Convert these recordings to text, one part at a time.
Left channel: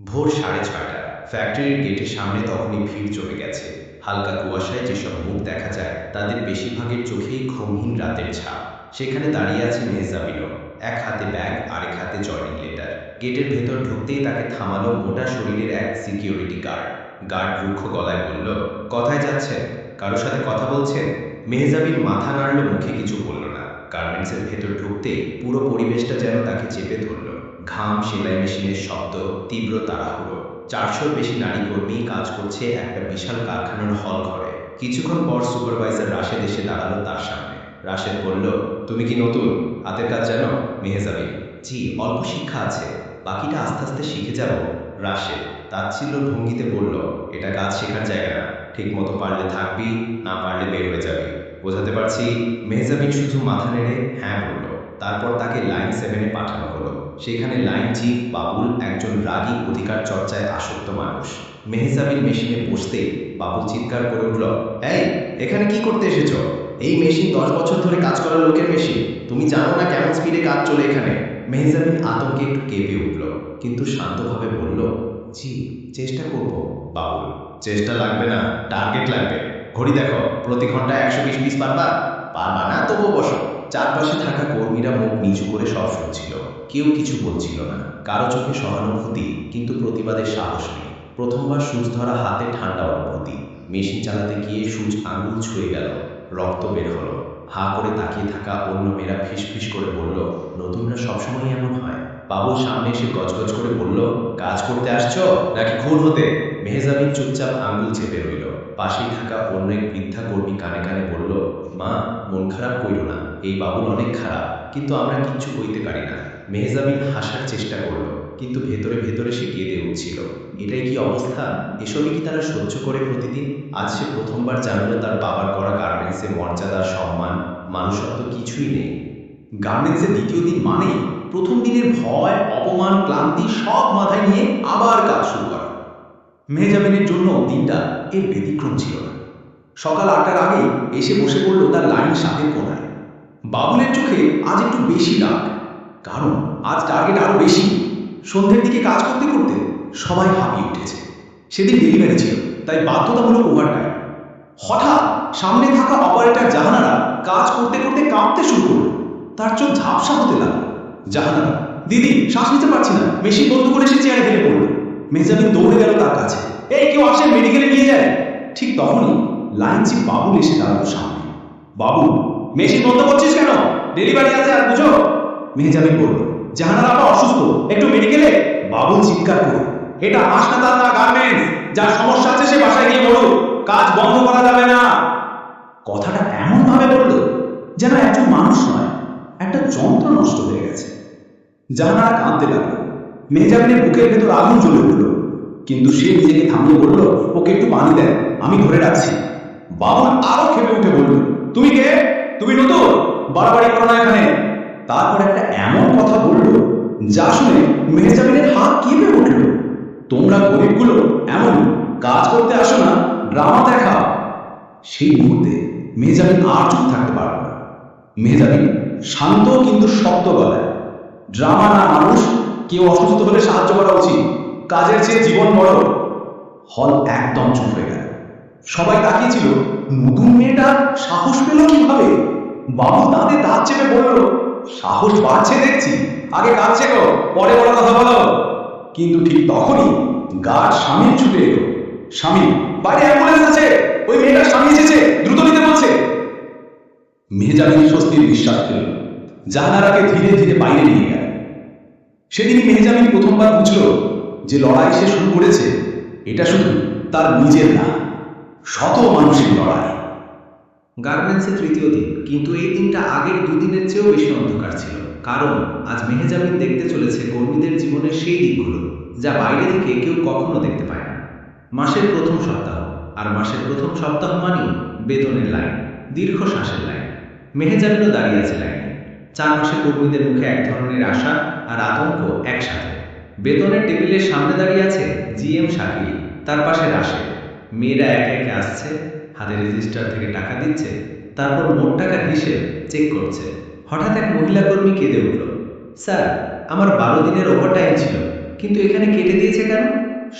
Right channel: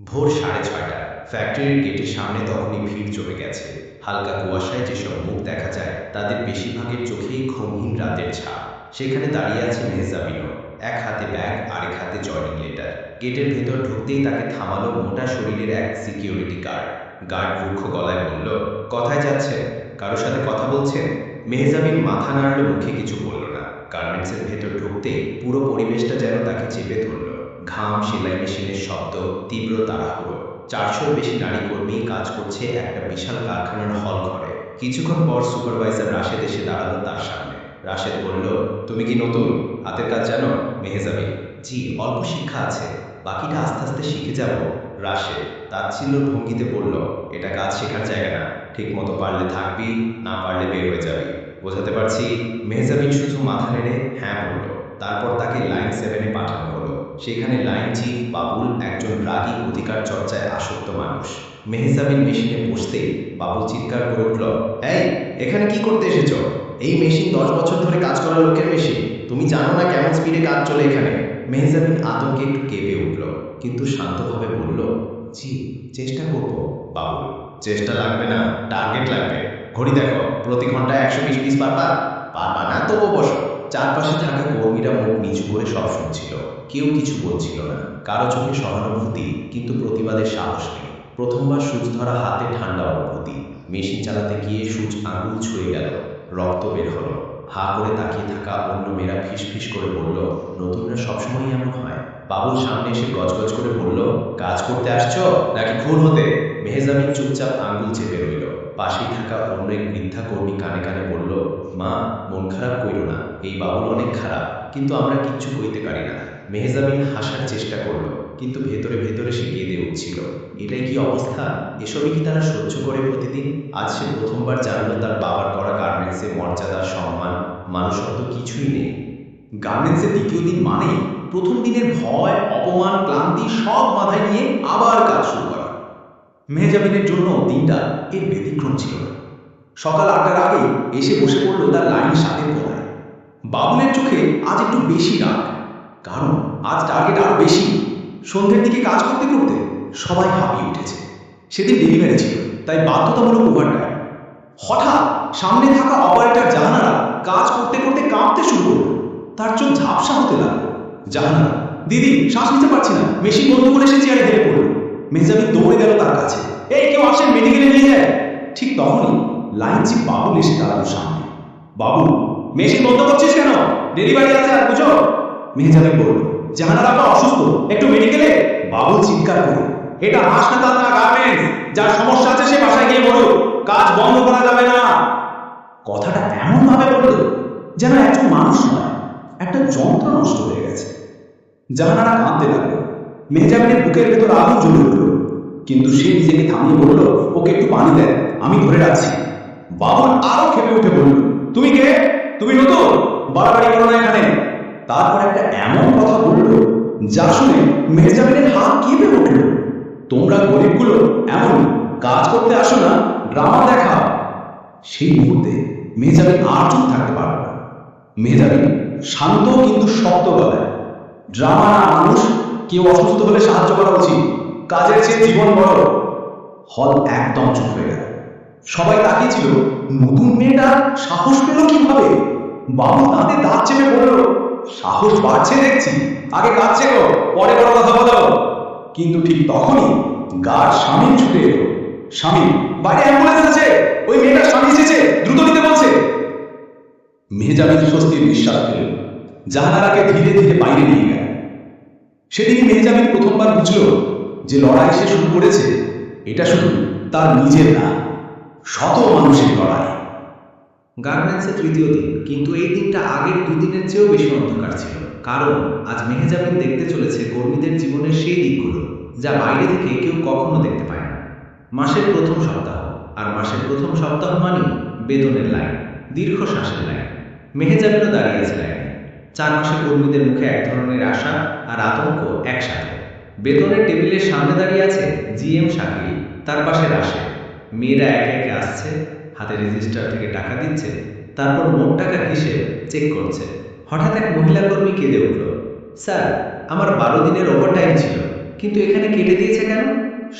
ভোর 6:30 ফ্যাক্টরির গেটের সামনে তখনই ভিড় জমে গেছে। হালকা কুয়াশায় যেসব মুখ দেখা যায় তাদের বেশিরভাগের চোখেই ঘুমহীন রাতের ছাপ। সেখানে দাঁড়িয়ে আছে মেহজাবিনও, এক হাতে ব্যাগ আরেক হাতে জয়নিং লেটার। গেটের ভেতর ঢুকতেই তাকে থামালো মোটা শরীরের এক সিকিউরিটি গার্ড। গার্ড রুক্ষ গলায় বলল, কোথায় যাচ্ছেন? কারোর সাথে কথা বলছেন? মেহজাবিন মাথা নাড়ল, মুখে কিছু বলল না। গার্মেন্টসের ভেতর ঢুকতেই পুরো পরিবেশটা যেন তাকে চেপে ধরল। ঘাম, সেলাই মেশিনের শব্দ, তীব্র তাড়াহুড়ো। 400-র বেশি নারী কর্মী কাজ করছে একটা বিশাল কারখানার হল ঘরে। কিছুক্ষণ পর সুপারভাইজার রাশেদ এসে দাঁড়ালো তার সামনে। রাশেদ বলল, তুমি কি নতুন? হাতের কাজ জানো? মেহজাবিন, জি, অল্প শিক্ষা আছে, বাকিটা আস্তে আস্তে শিখে যাব। রাশেদ তাচ্ছিল্যর ভঙ্গিতে বলল, এটা কাজ শেখার জায়গা না, ঠিক মতো পারলে থাকবি, না পারলে বের হয়ে যাবি। বোঝাতে পারছি? মেহজাবিন শুধু মাথা নেড়ে হ্যাঁ বলল। তারপর তাকে লাইন 7-এ পাঠানো হলো। সেখানে লাইন চিফ বাবুল, একজন রাগী অধিকার চর্চায় আসক্ত মানুষ। মেহজাবিন মেশিনে বসতেই বাবুল চিৎকার করে উঠল, এই, এখানে কি করতে এসেছো? এই মেশিন 10 বছর ধরে কাজ করা লোকের মেশিন, তুমি জানো না কেমন স্পিডে কাজ চলে এখানে? মেহজাবিন আতঙ্কে একটু কেঁপে উঠল, কিন্তু শান্তভাবে বলল, জি, চেষ্টা করব। বাবুল, চেষ্টা লাগবে না, টার্গেট লাগবে। ঘড়ি দেখো, প্রতি ঘন্টায় 120 পিস পারবা? পারবা না, তবু বসো। চারপাশে থাকা কর্মীরা মুখ নিচু করে সব শুনছিল, কেউ কিছু বলছিল না। কারো চোখে সহানুভূতি, কিন্তু প্রতিবাদের সাহস নেই। প্রথমবার সূচ ধরা হাতে ঠান্ডা অনুভূতি। মেশিন চালাতে গিয়ে সূচ আঙুল ছুঁয়ে গেল, রক্ত বের হলো। হা করে তাকিয়ে থাকা অন্য মেয়েরা ফিসফিস করে বলল, নতুনরা সবসময় এমন হয়। বাবুল সামনে এসে গজগজ করে বলল, কাজ করতে আসছো নাকি খুন হতে? মেহজাবিন চুপচাপ আঙ্গুল চেপে রইল। পাশেই থাকা অন্য এক বৃদ্ধা কর্মী কানে কানে বলল, মা, মন খারাপ কইরো না, এই বাবুল অনেক খারাপ, কিন্তু আমরা কিচ্ছু কইতে পারি না। মেহজাবিন হাসার চেষ্টা করলো, কিন্তু ভেতরে ভেতরে সে কেঁদে উঠছিল। এটাই কি অবস্থা? এসবই কি তারা সহ্য করে প্রতিদিন? আজ সে প্রথমবার জানলো তার বাবার গড়া গার্মেন্টসে মর্যাদা, সম্মান, মানুষত্ব কিছুই নেই। গার্মেন্টসের দ্বিতীয় দিন মানেই প্রথম দিনের ভয়, অপমান, ক্লান্তি সব মাথায় নিয়ে আবার কাজ শুরু করা। মেহজাবিনের জন্য দিনটা এর ব্যতিক্রম ছিল না। সকাল 8টার আগেই এসে বসে পড়ল তার লাইন 7-এর কোনায়। বাবুলের চোখে আজ একটু বেশি রাগ, কারণ আজ টার্গেট আরো বেশি। সন্ধ্যের দিকে কাজ করতে করতে সবাই হাঁপিয়ে উঠেছে। সেদিন ডেলিভারি ছিল, তাই বাধ্যতামূলক ওভারটাইম। হঠাৎ সামনে থাকা অপারেটর জাহানারা কাজ করতে করতে কাঁপতে শুরু করলো। তার চোখ ঝাপসা হতে লাগলো। জাহানারা, দিদি, শ্বাস নিতে পারছি না। মেশিন বন্ধ করে সে চেয়ারে হেলে পড়ল। মেহজাবিন দৌড়ে গেল তার কাছে, এই, কেউ আসেন, মেডিকেলে নিয়ে যায়। ঠিক তখনই লাইন চিফ বাবুল এসে দাঁড়ালো সামনে। বাবুল, মেশিন বন্ধ করছিস কেন? ডেলিভারি আছে, আর বুঝো? মেহজাবিন বলল, জাহানারা আপা অসুস্থ, একটু মেডিকেলে। বাবুল চিৎকার করে, এটা হাসপাতাল না গার্মেন্টস, যার সমস্যা আছে সে বাসায় গিয়ে মরুক, কাজ বন্ধ করা যাবে না। কথাটা এমন ভাবে বলল যেন একজন মানুষ নয়, একটা যন্ত্র নষ্ট হয়ে গেছে। জাহানারা কাঁদতে লাগলো। মেহজাবিনের বুকের ভেতর আগুন জ্বলে উঠল, কিন্তু সে নিজেকে থামিয়ে বলল, ওকে একটু পানি দেন, আমি ধরে রাখছি। বাবুল আরো ক্ষেপে উঠে বলল, তুমি কে? তুমি নতুন? বাড়াবাড়ি করো না এখানে। তারপর একটা এমন কথা বলল যা শুনে মেহজাবিনের হাত কেঁপে উঠল। তোমরা গরিবগুলো এমনই, কাজ করতে আসো না, ড্রামা দেখাও। সেই মুহূর্তে মেহজাবিন আর চুপ থাকতে পারল না। মেহজাবিন শান্ত কিন্তু শক্ত গলায়, ড্রামা না মানুষ, কেউ অসুস্থ হলে সাহায্য করা উচিত, কাজের চেয়ে জীবন বড়। হল একদম চুপ হয়ে গেল। সবাই তাকিয়েছিল, নতুন মেয়েটা সাহস পেল কিভাবে? বাবু দাঁতে দাঁত চেপে বলল, সাহস বাড়ছে দেখছি, আগে কাজ শেখো, পরে বড় কথা বলো। কিন্তু ঠিক তখনই গার্ড শামীম ছুটে এলো। শামীম, বাইরে অ্যাম্বুলেন্স আছে, ওই মেয়েটার স্বামী এসেছে, দ্রুত নিতে বলছে। মেহজাবিন স্বস্তির নিঃশ্বাস ফেলল। জাহানারাকে ধীরে ধীরে বাইরে নিয়ে গেল। সেদিনই মেহজাবিন প্রথমবার বুঝল যে লড়াই সে শুরু করেছে এটা শুধু তার নিজের না, শত মানুষের লড়াই। গার্মেন্টসে তৃতীয় দিন, কিন্তু এই দিনটা আগের দুদিনের চেয়েও বেশি অন্ধকার ছিল। কারণ আজ মেহজাবিন দেখতে চলেছে কর্মীদের জীবনের সেই দিকগুলো যা বাইরে থেকে কেউ কখনো দেখতে পায় না। মাসের প্রথম সপ্তাহ, আর মাসের প্রথম সপ্তাহ মানেই বেতনের লাইন, দীর্ঘ শ্বাসের লাইন। মেহজাবিনও দাঁড়িয়ে আছে লাইনে। চারপাশে কর্মীদের মুখে এক ধরনের আশা আর আতঙ্ক একসাথে। বেতনের টেবিলের সামনে দাঁড়িয়ে আছে জিএম শাকিল, তার পাশে রাশেদ। মেয়েরা একে একে আসছে, হাতে রেজিস্টার থেকে টাকা দিচ্ছে, তারপর মোট টাকার হিসেব চেক করছে। হঠাৎ এক মহিলা কর্মী কেঁদে উঠল, স্যার, আমার 12 দিনের ওভারটাইম ছিল, কিন্তু এখানে কেটে দিয়েছে কেন?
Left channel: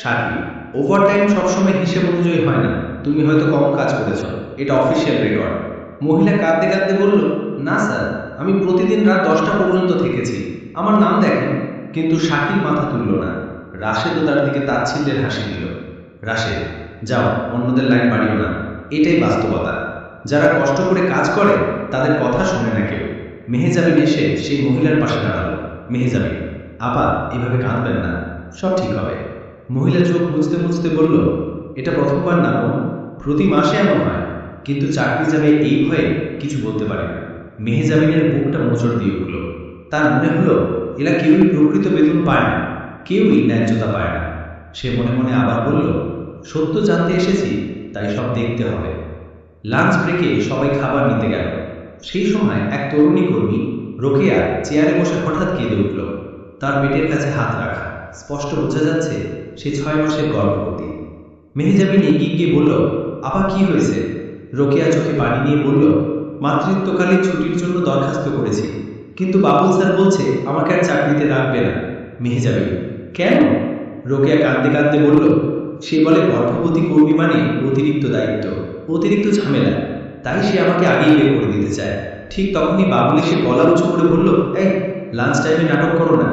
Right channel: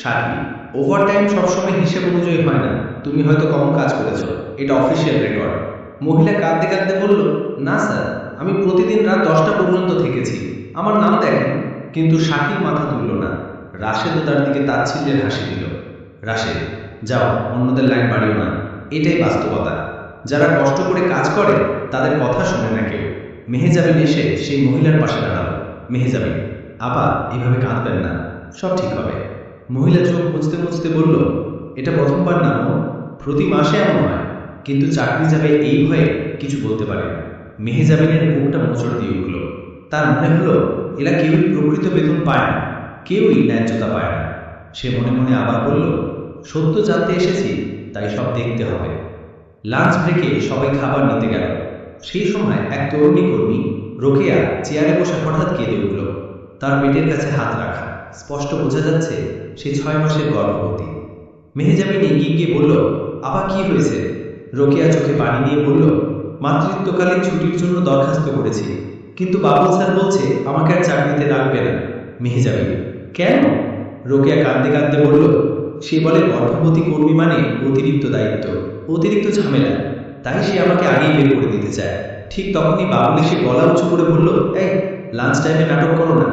শাকিল, ওভারটাইম সবসময় হিসেব অনুযায়ী হয় না। তুমি হয়তো কম কাজ করেছো, এটা অফিসিয়াল রেকর্ড। মহিলা কাঁদতে কাঁদতে বলল, না স্যার, আমি প্রতিদিন রাত 10টা পর্যন্ত থেকেছি, আমার নাম দেখেন। কিন্তু শাকিল মাথা তুলল না। রাশেদও তার দিকে তাচ্ছিল্যের হাসি দিল। রাশেদ, যাও, অন্যদের লাইন বাড়িও না। এটাই বাস্তবতা। যারা কষ্ট করে কাজ করে তাদের কথা শোনে না কেউ। মেহেজাবিন এসে সেই মহিলার পাশে দাঁড়ালো। মেহেজাবিন, আপা, এভাবে কাঁদবেন না, সব ঠিক হবে। মহিলা চোখ মুছতে মুছতে বলল, এটা প্রথমবার না বোন, প্রতি মাসে এমন হয়, কিন্তু চাকরি যাবে এই ভয়ে কিছু বলতে পারে না। মেহেজাবিনের বুকটা মোচড় দিয়ে উঠল। তার মনে হলো এরা কেউই প্রকৃত বেতন পায় না, কেউই ন্যায্যতা পায় না। সে মনে মনে আবার বলল, সত্য জানতে এসেছি, তাই সব দেখতে হবে। লাঞ্চ ব্রেকে সবাই খাবার নিতে গেল। সেই সময় এক তরুণী কর্মী রোকেয়া চেয়ারে বসে হঠাৎ কেঁদে উঠল। তার পেটের কাছে হাত রাখা, স্পষ্ট বোঝা যাচ্ছে সে 6 মাসের গর্ভবতী। মেহেজাবিন এগিয়ে গিয়ে বলল, আপা, কি হয়েছে? রোকেয়া চোখে পানি নিয়ে বলল, মাতৃত্বকালীন ছুটির জন্য দরখাস্ত করেছি, কিন্তু বাবুল স্যার বলছে আমাকে আর চাকরিতে রাখবে না। মেহেজাবিন, কেন? রোকেয়া কাঁদতে কাঁদতে বলল, সে বলে গর্ভবতী কর্মী মানে অতিরিক্ত দায়িত্ব, অতিরিক্ত ঝামেলা, তাই সে আমাকে আগেই বের করে দিতে চায়। ঠিক তখনই বাবুল এসে গলা উঁচু করে বলল, এই, লাঞ্চ টাইমে নাটক করো না,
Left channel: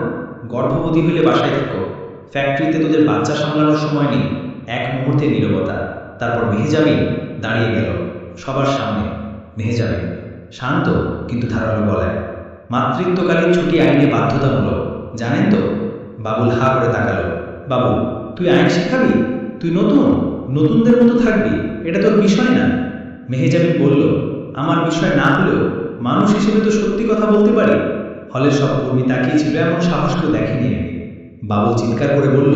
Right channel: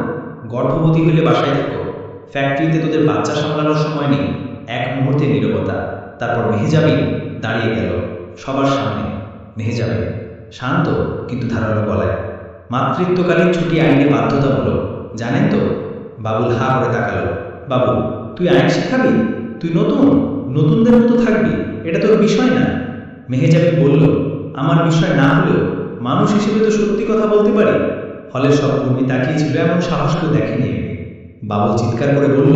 গর্ভবতী হইলে বাসায় থাকো, ফ্যাক্টরিতে তোদের বাচ্চা সামলানোর সময় নেই। এক মুহূর্তে নীরবতা। তারপর মেহেজাবিন দাঁড়িয়ে গেল সবার সামনে। মেহেজাবিন শান্ত কিন্তু ধারালো গলায়, মাতৃত্বকালীন ছুটি আইনে বাধ্যতামূলক, জানেন তো? বাবুল হা করে তাকালো। বাবুল, তুই আইন শিখাবি? তুই নতুনদের মতো থাকবি? এটা তোর বিষয় না। মেহেজাবিন বলল, আমার বিষয় না হলেও মানুষ হিসেবে তো সত্যি কথা বলতে পারি। হলের সব কর্মী তাকিয়েছিল, এমন সাহস কেউ দেখেনি আগে। বাবুল চিৎকার করে বলল,